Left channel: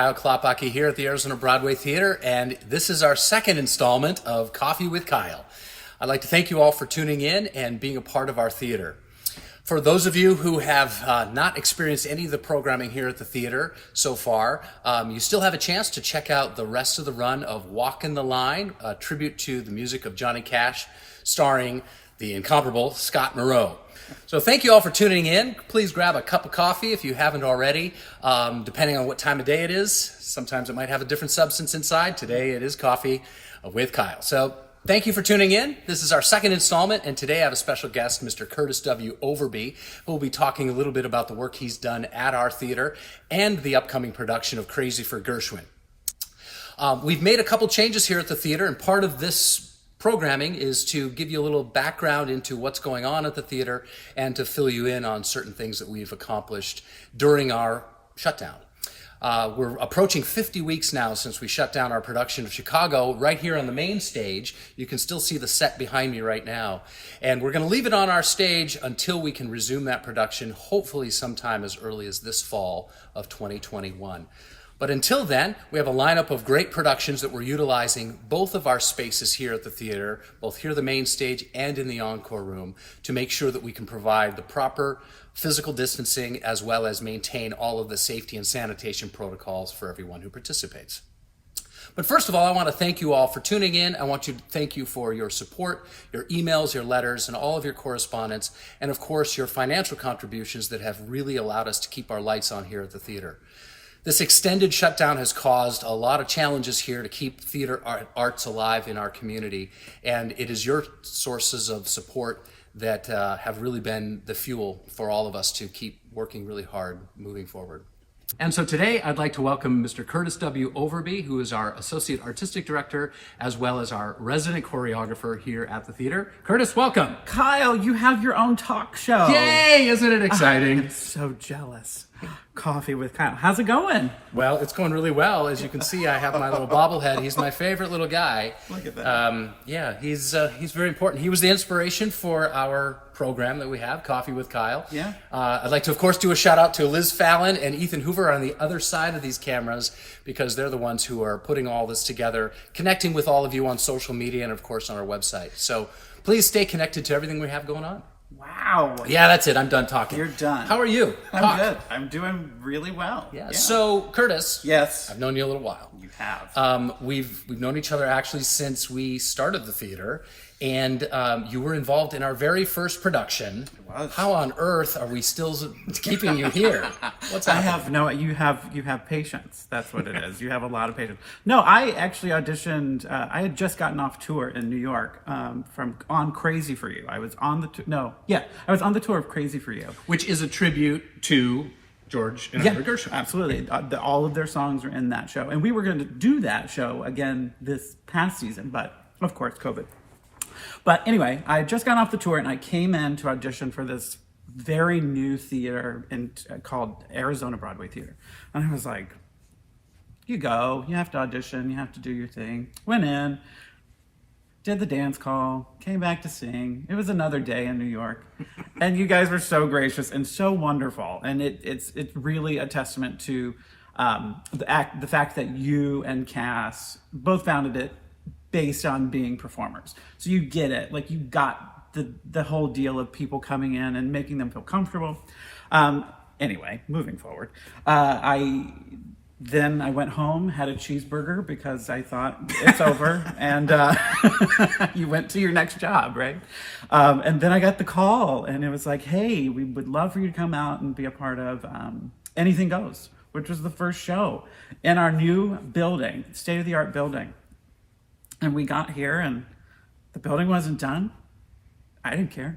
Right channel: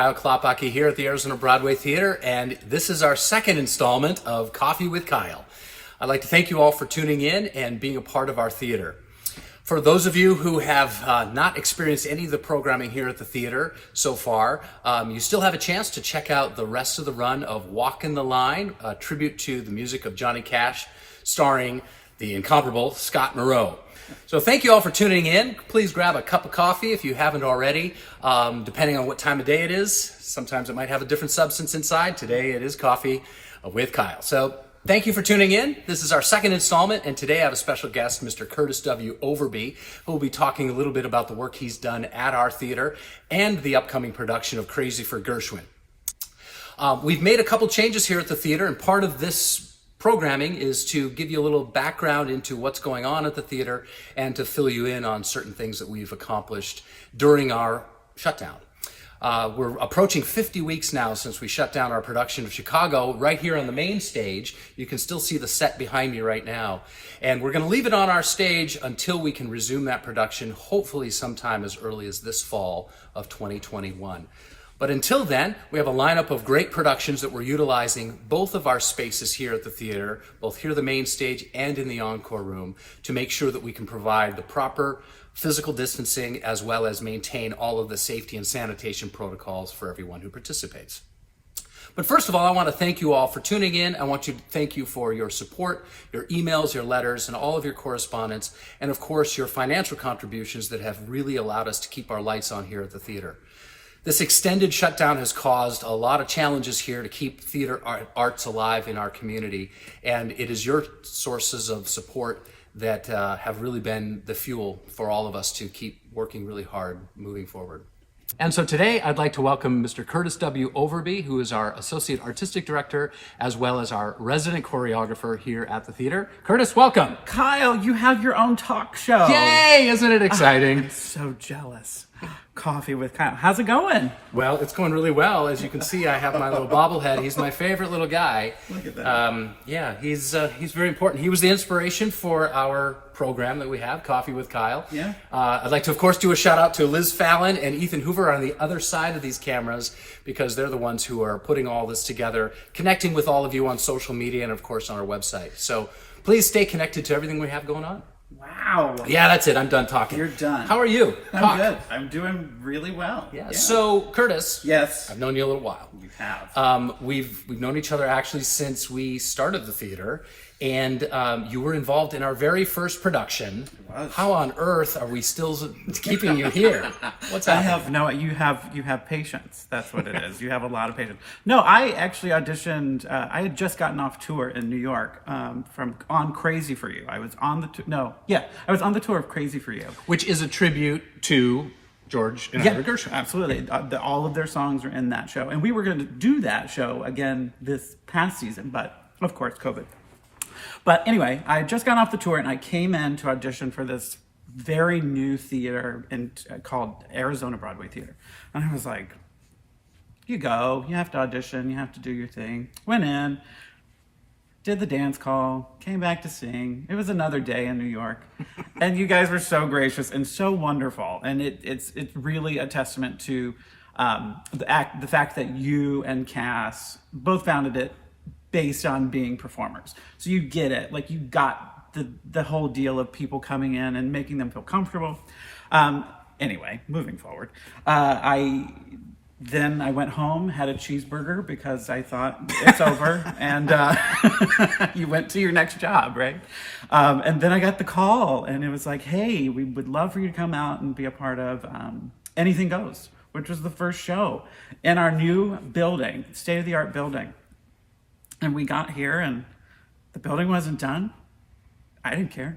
Kiel Klaphake here at the Arizona Broadway Theater, and this is our second installment of Coffee with Kiel. I'd like to thank you all for tuning in and being a part of our theater. For those of you who have not experienced any of the programming here at the theater so far, you still have a chance to check out the rest of the run of Walkin' the Line, a tribute to the music of Johnny Cash, starring the incomparable Scott Moreau. So thank you all for tuning in. Please grab a cup of coffee if you haven't already, depending on what time of day it is. Sometimes it might have a different substance inside. Today it is coffee with Kiel. So thank you for tuning in. This is our second installment, and today I have a special guest, Mr. Kurtis Overby, who will be talking a little bit about the work he's done at our theater and the upcoming production of Crazy for Gershwin. We've made a couple changes here at the theater, and part of this programming is to give you a little background into what's going on at the theater and to fill you in on certain things that we've accomplished during our shutdown. We're approaching 50 weeks now since we shut down our production of Chicago right here on the main stage. You can still see the set behind me right now. And we're going to leave it on our stage until we can resume that production, hopefully sometime as early as this fall of 2021. But until then, we have a lineup of great productions that we're utilizing both of our spaces here at the theater, both here at the main stage and in the encore room, to make sure that we can provide the proper physical distancing as well as maintain all of the safety and sanitation protocols for everyone who participates. But first of all, I want to thank you all for tuning in. I want to thank you for your support, your emails, your letters, and all of your correspondence, and of course your financial contributions that have really allowed us to keep our lights on here at the theater. This extended shutdown has caused a lot of challenges here to keep theater arts alive in our community, and it is your sources of support that have really been the fuel for all of us to keep working really hard moving forward. And so today I'd like to welcome Mr. Kurtis Overby, who is our Associate Artistic Director, as well as our resident choreographer here at the theater. Kurtis, welcome. Kiel, you have your own talk show. Yay, isn't it exciting? I'm so jealous. Coffee with Kiel. How's it going? Well, it's going really well. As you can see, I have my little bobblehead. He's my favorite little guy. Look at that. Yeah, he's very important. He was the inspiration for our program that we have, Coffee with Kiel. Yeah. I'd like to, of course, do a shout out to Liz Fallon and Ethan Hoover on the other side of these cameras, because they're the ones who are putting all this together, connecting with all of you on social media and, of course, on our website. So please stay connected to everything we have going on. Wow. Yeah, that's it. I'm done talking. You're done. How are you? I'm good. I'm doing really well. Yeah. So, Kurtis. Yes. I've known you a little while. You have. We've known each other actually since we started the theater, and you were involved in our very first production. It was. How on earth are we still keeping you here? What's happening? You have patience. That's what it is. You have a lot of patience. No, I actually auditioned. I had just gotten off tour in New York on Crazy for You. I was on I was on the tour of Crazy for You, Which is a tribute to George and Heather Gershwin. Absolutely. All of their songs are in that show, and we were going to do that show again this past season, but of course, COVID. But anyway, I had just got off the tour and I came in to audition for this very new theater called Arizona Broadway Theater. And I was like, you have to audition, you have to do your thing. Went in, did the dance call, came back to sing. It was another day in New York. And you guys were so gracious and so wonderful. And it's really a testament to the fact that you and Cass both founded it based on being performers. So you get it, like you got the whole deal of people coming in and making them feel comfortable. Anyway, moving forward, I went home, had a cheeseburger because I thought it's over, and you went to your next job, right? And then I got the call, and it was like, hey, we would love for you to come out and be a part of Anything Goes, which was the first show in our new building, state-of-the-art building. And we got here and the building wasn't done. I didn't care.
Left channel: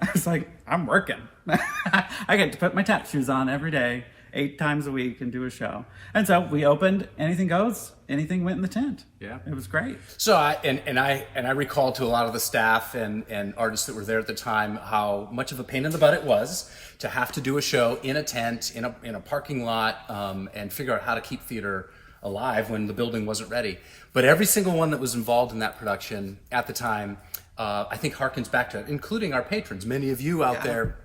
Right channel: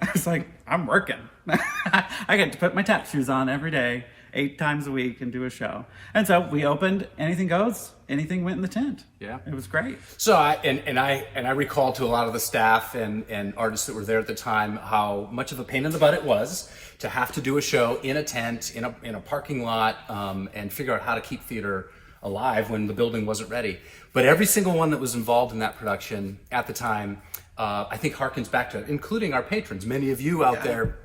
I was like, I'm working. I get to put my tap shoes on every day, 8 times a week, and do a show. And so we opened Anything Goes. Anything went in the tent. Yeah. It was great. So I recall to a lot of the staff and artists that were there at the time how much of a pain in the butt it was to have to do a show in a tent, in a parking lot, and figure out how to keep theater alive when the building wasn't ready. But every single one that was involved in that production at the time, I think harkens back to it, including our patrons. Many of you out there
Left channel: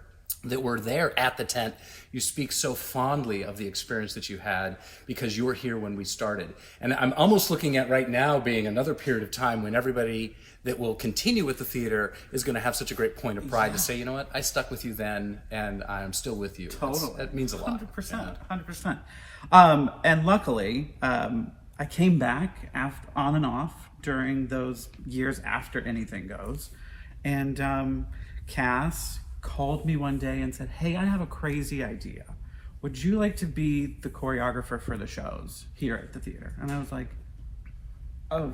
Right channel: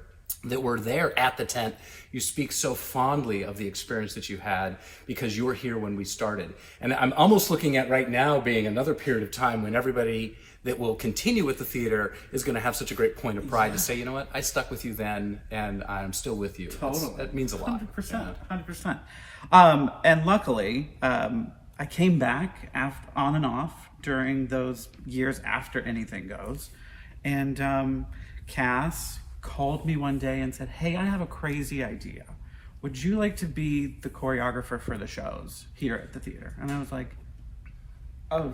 that were there at the tent, you speak so fondly of the experience that you had because you were here when we started. And I'm almost looking at right now being another period of time when everybody that will continue with the theater is going to have such a great point of pride to say, you know what, I stuck with you then and I'm still with you. Totally. That means a lot. 100%. 100%. And luckily, I came back on and off during those years after Anything Goes. And Cass called me one day and said, hey, I have a crazy idea. Would you like to be the choreographer for the shows here at the theater? And I was like, oh.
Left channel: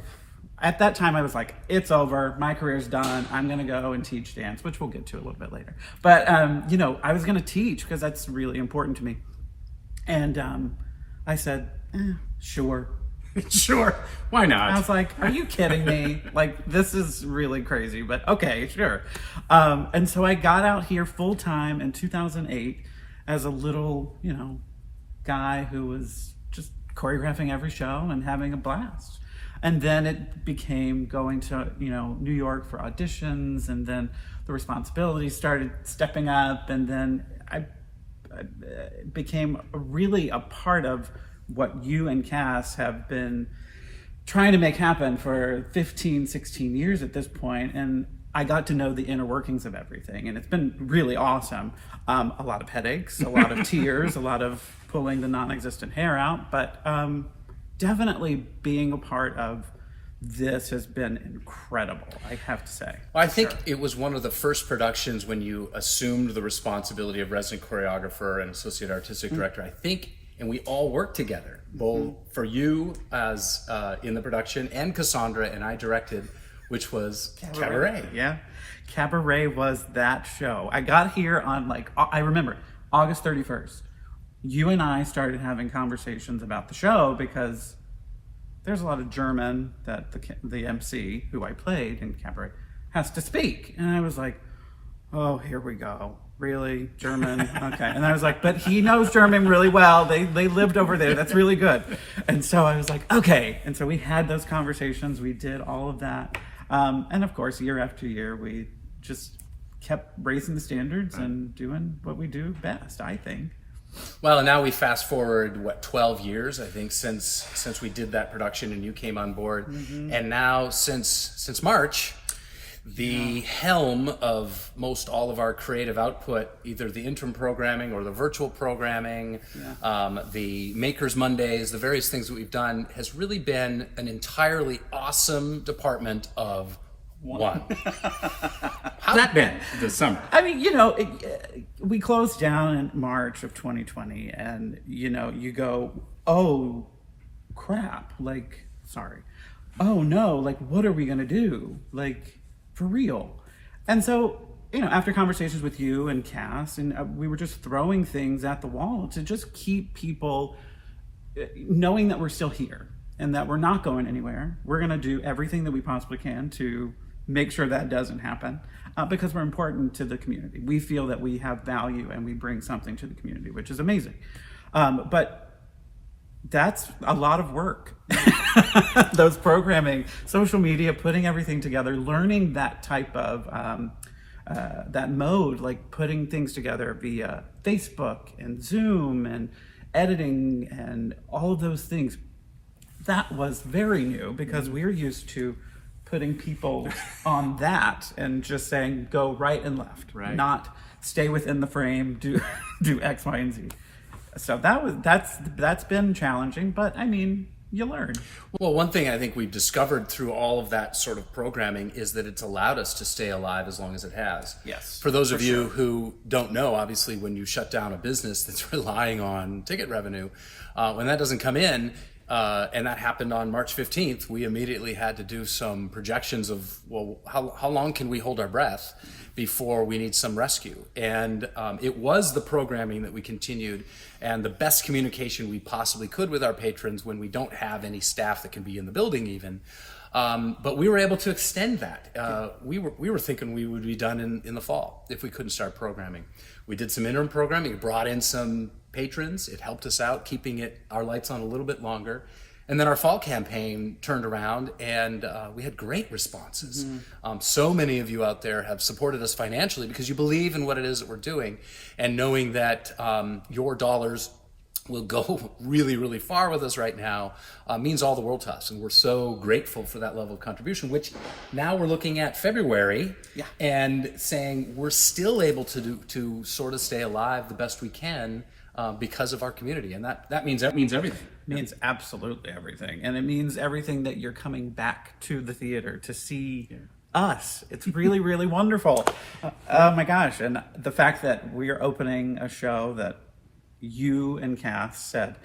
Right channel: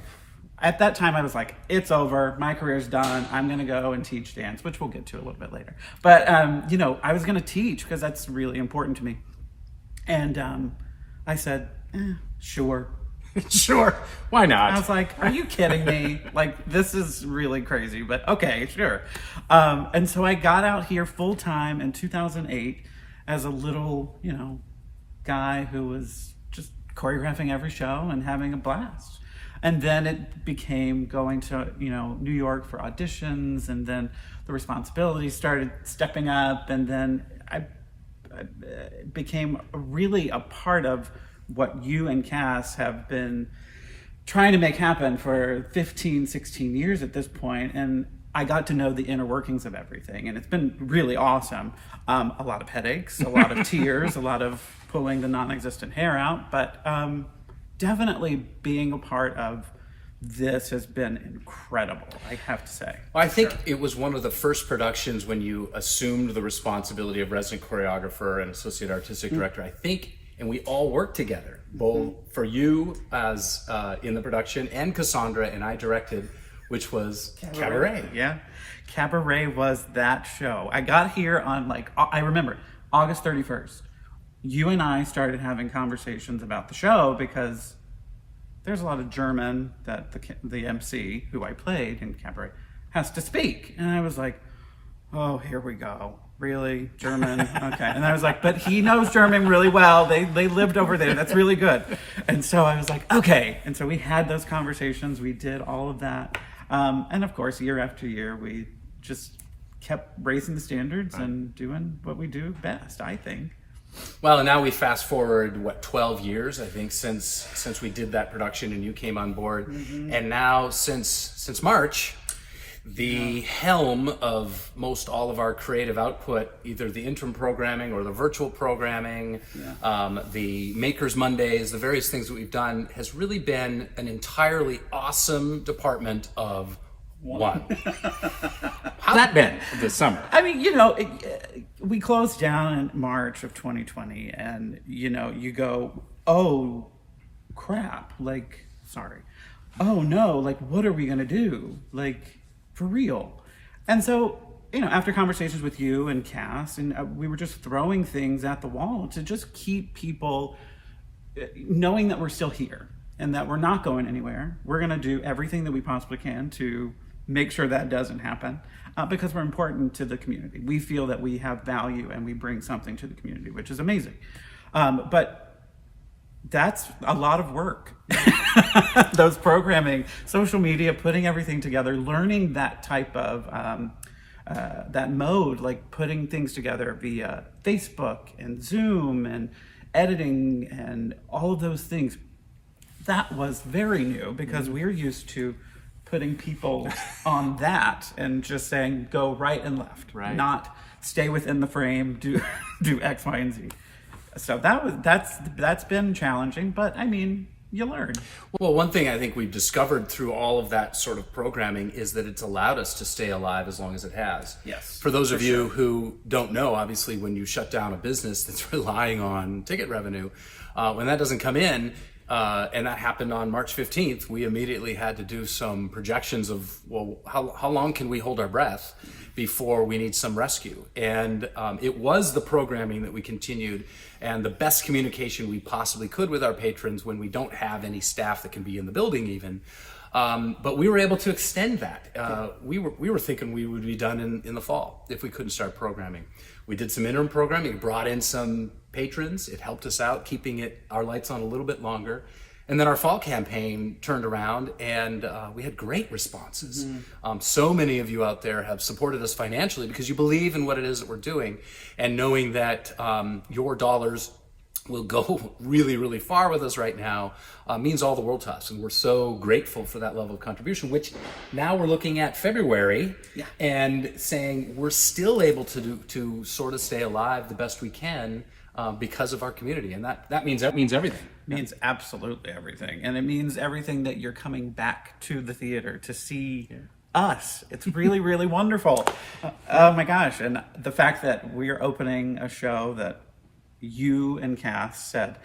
At that time, I was like, it's over. My career's done. I'm going to go and teach dance, which we'll get to a little bit later. But, I was going to teach because that's really important to me. And I said, sure. Sure. Why not? I was like, are you kidding me? Like, this is really crazy, but okay, sure. And so I got out here full time in 2008 as a little, guy who was just choreographing every show and having a blast. And then it became going to, New York for auditions, and then the responsibilities started stepping up, and then I became really a part of what you and Cass have been trying to make happen for 15, 16 years at this point. And I got to know the inner workings of everything. And it's been really awesome. A lot of headaches, a lot of tears, a lot of pulling the non-existent hair out. But definitely being a part of this has been incredible, I have to say. Well, I think it was one of the first productions when you assumed the responsibility of resident choreographer and associate artistic director. I think, and we all worked together, both for you as in the production, and Cassandra and I directed, which was Cabaret. Yeah, Cabaret was that show. I got here on I remember August 31st. You and I started having conversations about the show because there's a lot of German that the MC, who I played in Cabaret, has to speak. And I was like, oh, here we go. Really? German? Okay. And I was like, but he knows German really well. They lived over there. That's really good. And so I was like, okay. And so we had those conversations. We did all of that. And of course, year after year, we just kept raising the standards and doing what we do best, I think. Well, and now we fast forward, 12 years, I think, since we did that production and you came on board. Mm-hmm. And now since March, the helm of most all of our creative output, either the interim programming or the virtual programming, the Makers Mondays, the various things that we've done, has really been an entirely awesome department of one. How's that been this summer? I mean, we closed down in March of 2020, and you go, oh crap, sorry, oh no, what are we gonna do, for real? And so after conversations with you and Cass, and we were just throwing things at the wall to just keep people knowing that we're still here and that we're not going anywhere. We're gonna do everything that we possibly can to make sure that doesn't happen, because we're important to the community. We feel that we have value and we bring something to the community, which is amazing. But that's a lot of work. Those programming, social media, putting everything together, learning that type of, that mode, putting things together via Facebook and Zoom and editing and all of those things. That was very new because we're used to putting people on that and just saying go right and left, not stay within the frame, do X, Y, and Z. So that's been challenging, but I mean, you learn. Well, one thing I think we've discovered through all of that sort of programming is that it's allowed us to stay alive as long as it has. Yes. For those of you who don't know, obviously when you shut down a business that's relying on ticket revenue, when that doesn't come in, and that happened on March 15th, we immediately had to do some projections of, how long can we hold our breath before we need some rescue? And it was the programming that we continued and the best communication we possibly could with our patrons when we don't have any staff that can be in the building even. But we were able to extend that. We were thinking we would be done in the fall if we couldn't start programming. We did some interim programming, brought in some patrons. It helped us out, keeping our lights on a little bit longer. And then our fall campaign turned around, and we had great responses. So many of you out there have supported us financially because you believe in what it is that we're doing, and knowing that your dollars will go really, really far with us right now means all the world to us. And we're so grateful for that level of contribution, which now we're looking at February and saying we're still able to sort of stay alive the best we can because of our community. And that means everything. It means absolutely everything. And it means everything that you're coming back to the theater to see us. It's really, really wonderful. Oh my gosh. And the fact that we're opening a show that you and Cass said,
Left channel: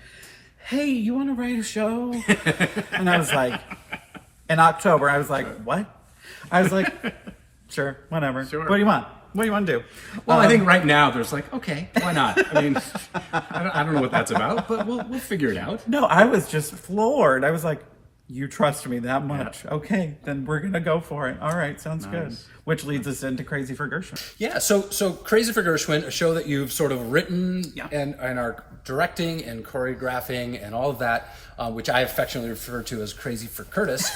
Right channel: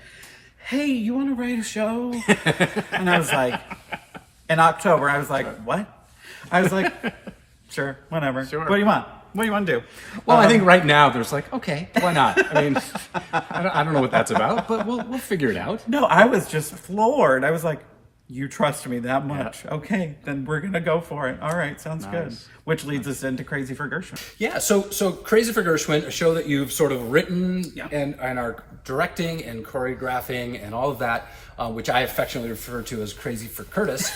hey, you want to write a show? And I was like, in October, I was like, what? I was like, sure, whatever. Sure. What do you want? What do you want to do? Well, I think right now there's like, okay, why not? I mean, I don't know what that's about, but we'll figure it out. No, I was just floored. I was like, you trust me that much. Yeah. Okay, then we're going to go for it. All right, sounds good. Which leads us into Crazy for Gershwin. Yeah, so Crazy for Gershwin, a show that you've sort of written and are directing and choreographing and all of that, which I affectionately refer to as Crazy for Kurtis.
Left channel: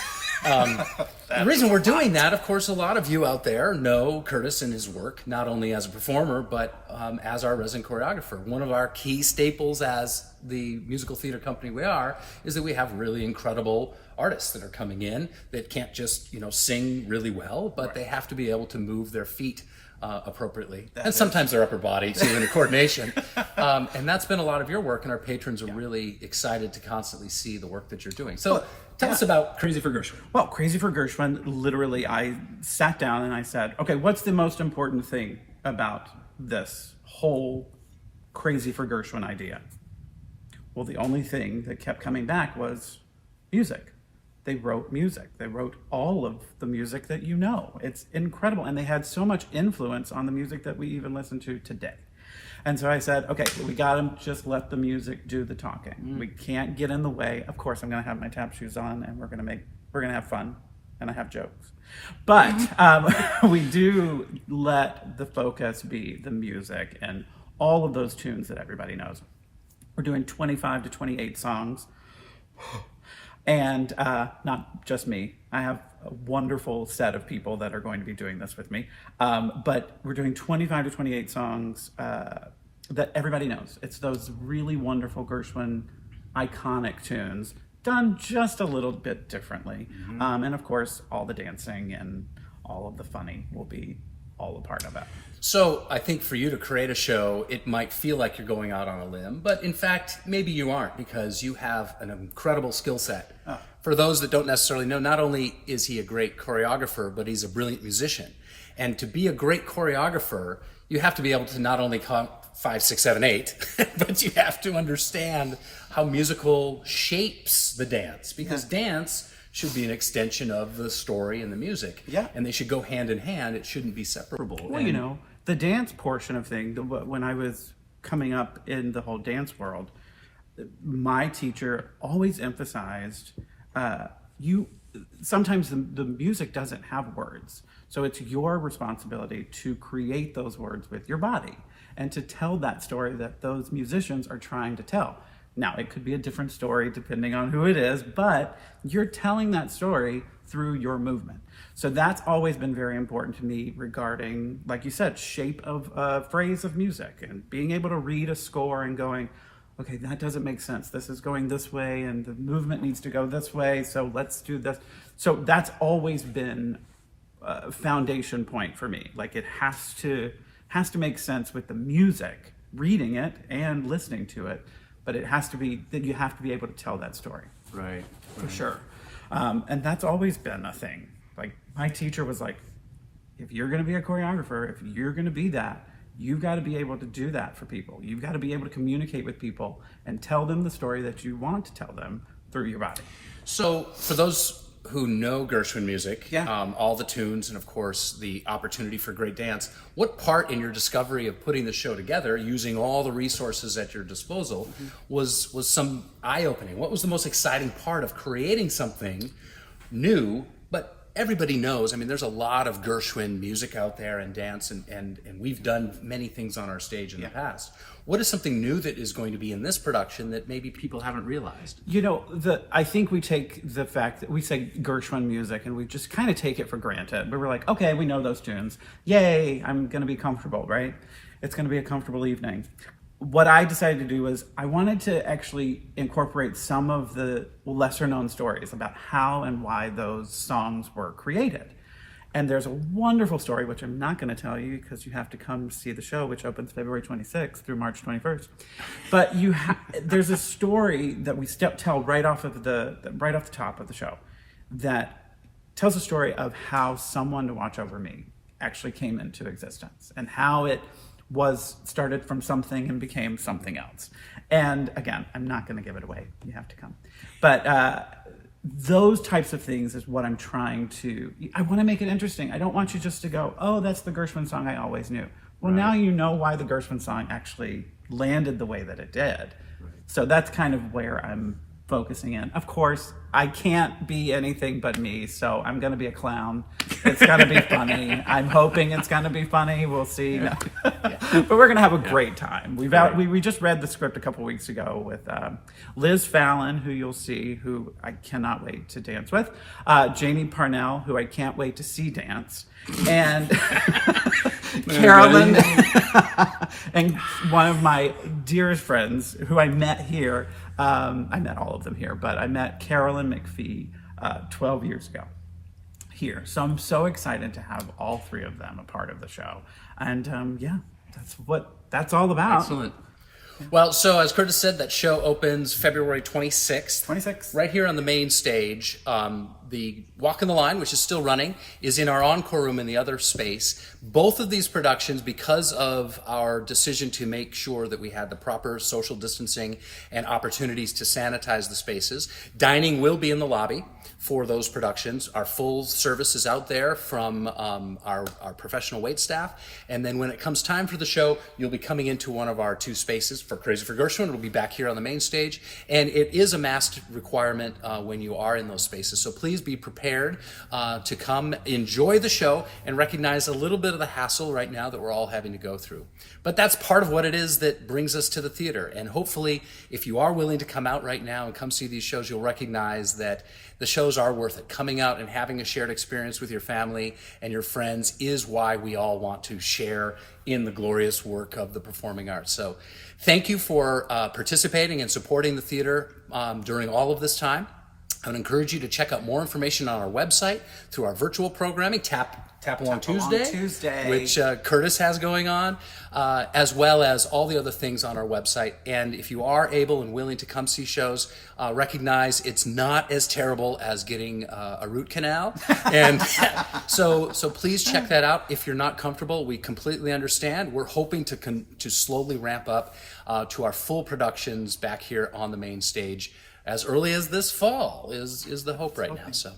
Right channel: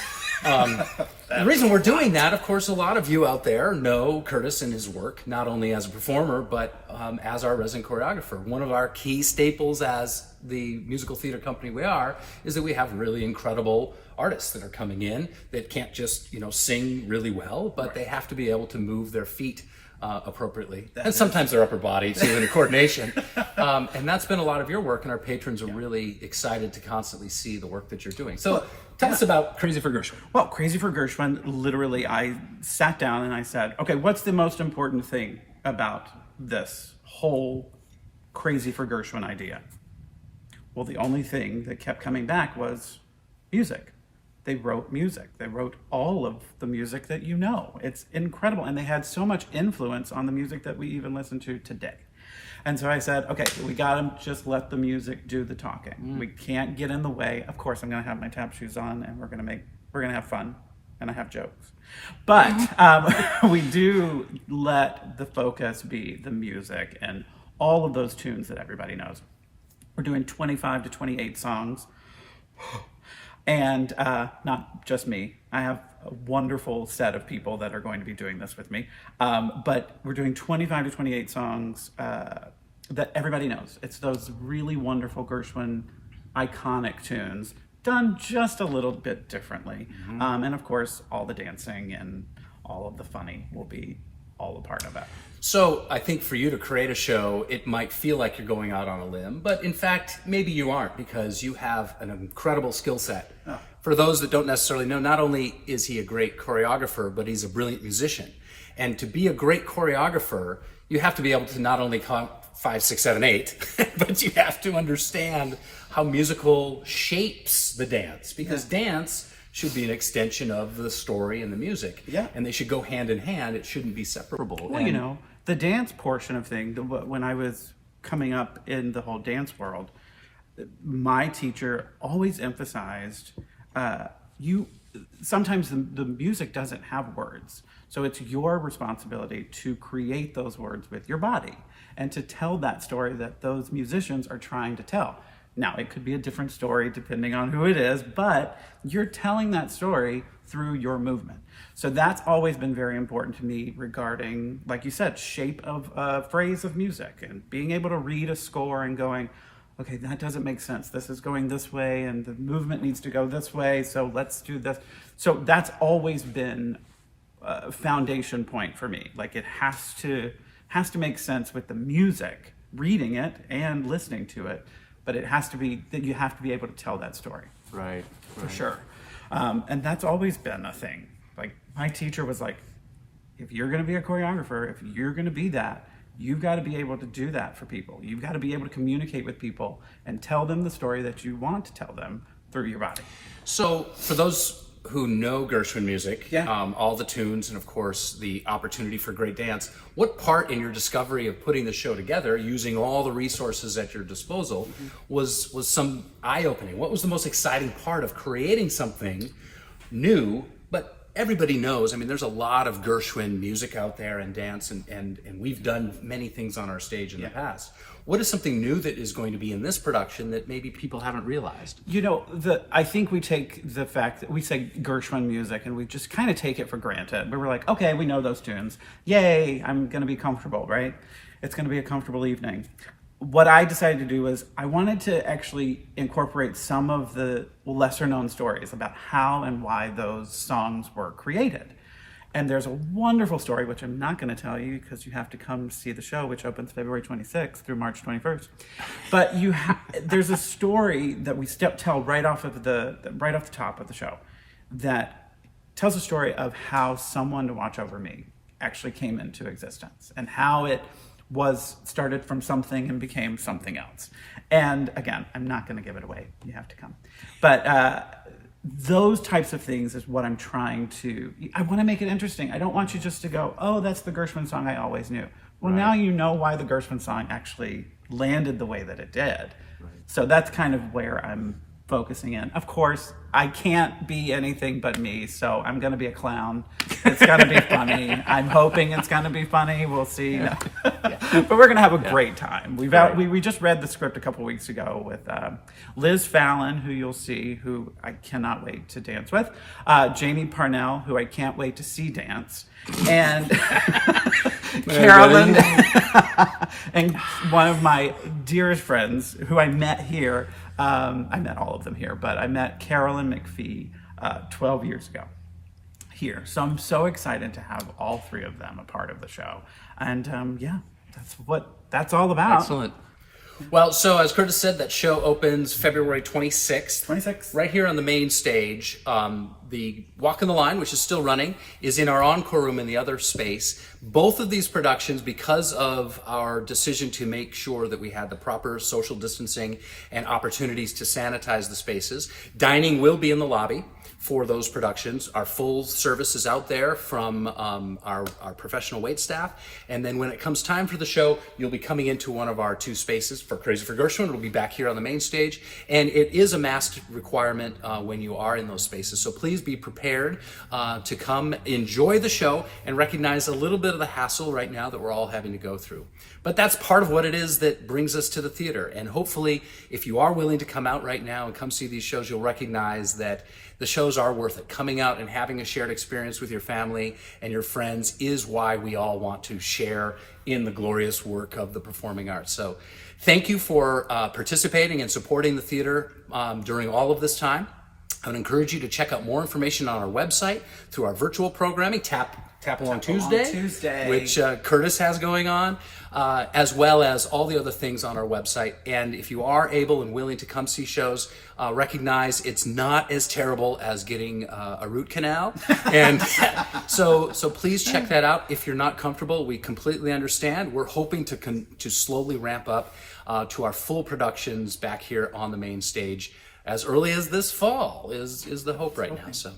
The reason we're doing that, of course, a lot of you out there know Kurtis and his work, not only as a performer, but as our resident choreographer. One of our key staples as the musical theater company we are is that we have really incredible artists that are coming in that can't just, sing really well, but they have to be able to move their feet appropriately, and sometimes their upper body too, in a coordination. And that's been a lot of your work, and our patrons are really excited to constantly see the work that you're doing. So tell us about Crazy for Gershwin. Well, Crazy for Gershwin, literally, I sat down and I said, okay, what's the most important thing about this whole Crazy for Gershwin idea? Well, the only thing that kept coming back was music. They wrote music. They wrote all of the music that you know. It's incredible. And they had so much influence on the music that we even listen to today. And so I said, okay, we got to just let the music do the talking. We can't get in the way. Of course, I'm going to have my tap shoes on, and we're going to have fun, and I have jokes. But we do let the focus be the music and all of those tunes that everybody knows. We're doing 25 to 28 songs. And not just me. I have a wonderful set of people that are going to be doing this with me. But we're doing 25 to 28 songs that everybody knows. It's those really wonderful Gershwin iconic tunes done just a little bit differently. And of course, all the dancing and all of the funny will be all a part of it. So I think for you to create a show, it might feel like you're going out on a limb, but in fact, maybe you aren't, because you have an incredible skill set. For those that don't necessarily know, not only is he a great choreographer, but he's a brilliant musician. And to be a great choreographer, you have to be able to not only count 5, 6, 7, 8, but you have to understand how musical shapes the dance, because dance should be an extension of the story and the music. And they should go hand in hand. It shouldn't be separable. Well, the dance portion of things, when I was coming up in the whole dance world, my teacher always emphasized sometimes the music doesn't have words. So it's your responsibility to create those words with your body and to tell that story that those musicians are trying to tell. Now, it could be a different story depending on who it is, but you're telling that story through your movement. So that's always been very important to me regarding, like you said, shape of a phrase of music and being able to read a score and going, okay, that doesn't make sense. This is going this way and the movement needs to go this way, so let's do this. So that's always been a foundation point for me. Like, it has to make sense with the music, reading it and listening to it. But it has to be that you have to be able to tell that story. Right. For sure. And that's always been a thing. Like, my teacher was like, if you're going to be a choreographer, if you're going to be that, you've got to be able to do that for people. You've got to be able to communicate with people and tell them the story that you want to tell them through your body. So for those who know Gershwin music, all the tunes, and of course the opportunity for great dance, what part in your discovery of putting the show together, using all the resources at your disposal, was some eye-opening? What was the most exciting part of creating something new, but everybody knows, I mean, there's a lot of Gershwin music out there and dance, and we've done many things on our stage in the past. What is something new that is going to be in this production that maybe people haven't realized? You know, I think we take the fact that we say Gershwin music and we just kind of take it for granted. But we're like, okay, we know those tunes. Yay, I'm going to be comfortable, right? It's going to be a comfortable evening. What I decided to do was I wanted to actually incorporate some of the lesser known stories about how and why those songs were created. And there's a wonderful story, which I'm not going to tell you because you have to come see the show, which opens February 26th through March 21st. But there's a story that we tell right off the top of the show that tells a story of how Someone to Watch Over Me actually came into existence and how it was started from something and became something else. And again, I'm not going to give it away. You have to come. But those types of things is what I'm trying to, I want to make it interesting. I don't want you just to go, oh, that's the Gershwin song I always knew. Well, now you know why the Gershwin song actually landed the way that it did. So that's kind of where I'm focusing in. Of course, I can't be anything but me, so I'm going to be a clown. It's going to be funny. I'm hoping it's going to be funny. We'll see. No. But we're going to have a great time. We just read the script a couple weeks ago with Liz Fallon, who you'll see, who I cannot wait to dance with, Janie Parnell, who I can't wait to see dance, and Carolyn, and one of my dearest friends who I met here. I met all of them here, but I met Carolyn McPhee 12 years ago here. So I'm so excited to have all three of them a part of the show. And yeah, that's what that's all about. Excellent. Well, so as Kurtis said, that show opens February 26th. Right here on the main stage. The Walk in the Line, which is still running, is in our encore room in the other space. Both of these productions, because of our decision to make sure that we had the proper social distancing and opportunities to sanitize the spaces, dining will be in the lobby for those productions. Our full service is out there from our professional wait staff. And then when it comes time for the show, you'll be coming into one of our two spaces. For Crazy for Gershwin, it'll be back here on the main stage. And it is a masked requirement when you are in those spaces. So please be prepared to come enjoy the show and recognize a little bit of the hassle right now that we're all having to go through. But that's part of what it is that brings us to the theater. And hopefully, if you are willing to come out right now and come see these shows, you'll recognize that the shows are worth it. Coming out and having a shared experience with your family and your friends is why we all want to share in the glorious work of the performing arts. So thank you for participating and supporting the theater during all of this time. I would encourage you to check out more information on our website through our virtual programming, Tap Along Tuesday, which Kurtis has going on, as well as all the other things on our website. And if you are able and willing to come see shows, recognize it's not as terrible as getting a root canal. And so please check that out. If you're not comfortable, we completely understand. We're hoping to slowly ramp up to our full productions back here on the main stage as early as this fall is the hope right now. So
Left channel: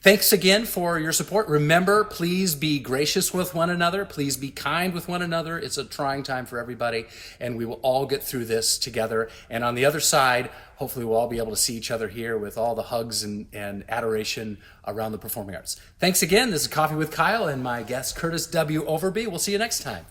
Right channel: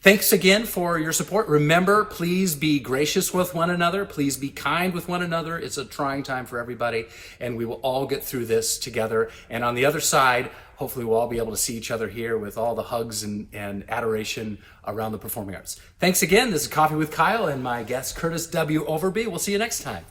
thanks again for your support. Remember, please be gracious with one another. Please be kind with one another. It's a trying time for everybody, and we will all get through this together. And on the other side, hopefully we'll all be able to see each other here with all the hugs and adoration around the performing arts. Thanks again. This is Coffee with Kyle and my guest, Kurtis W. Overby. We'll see you next time.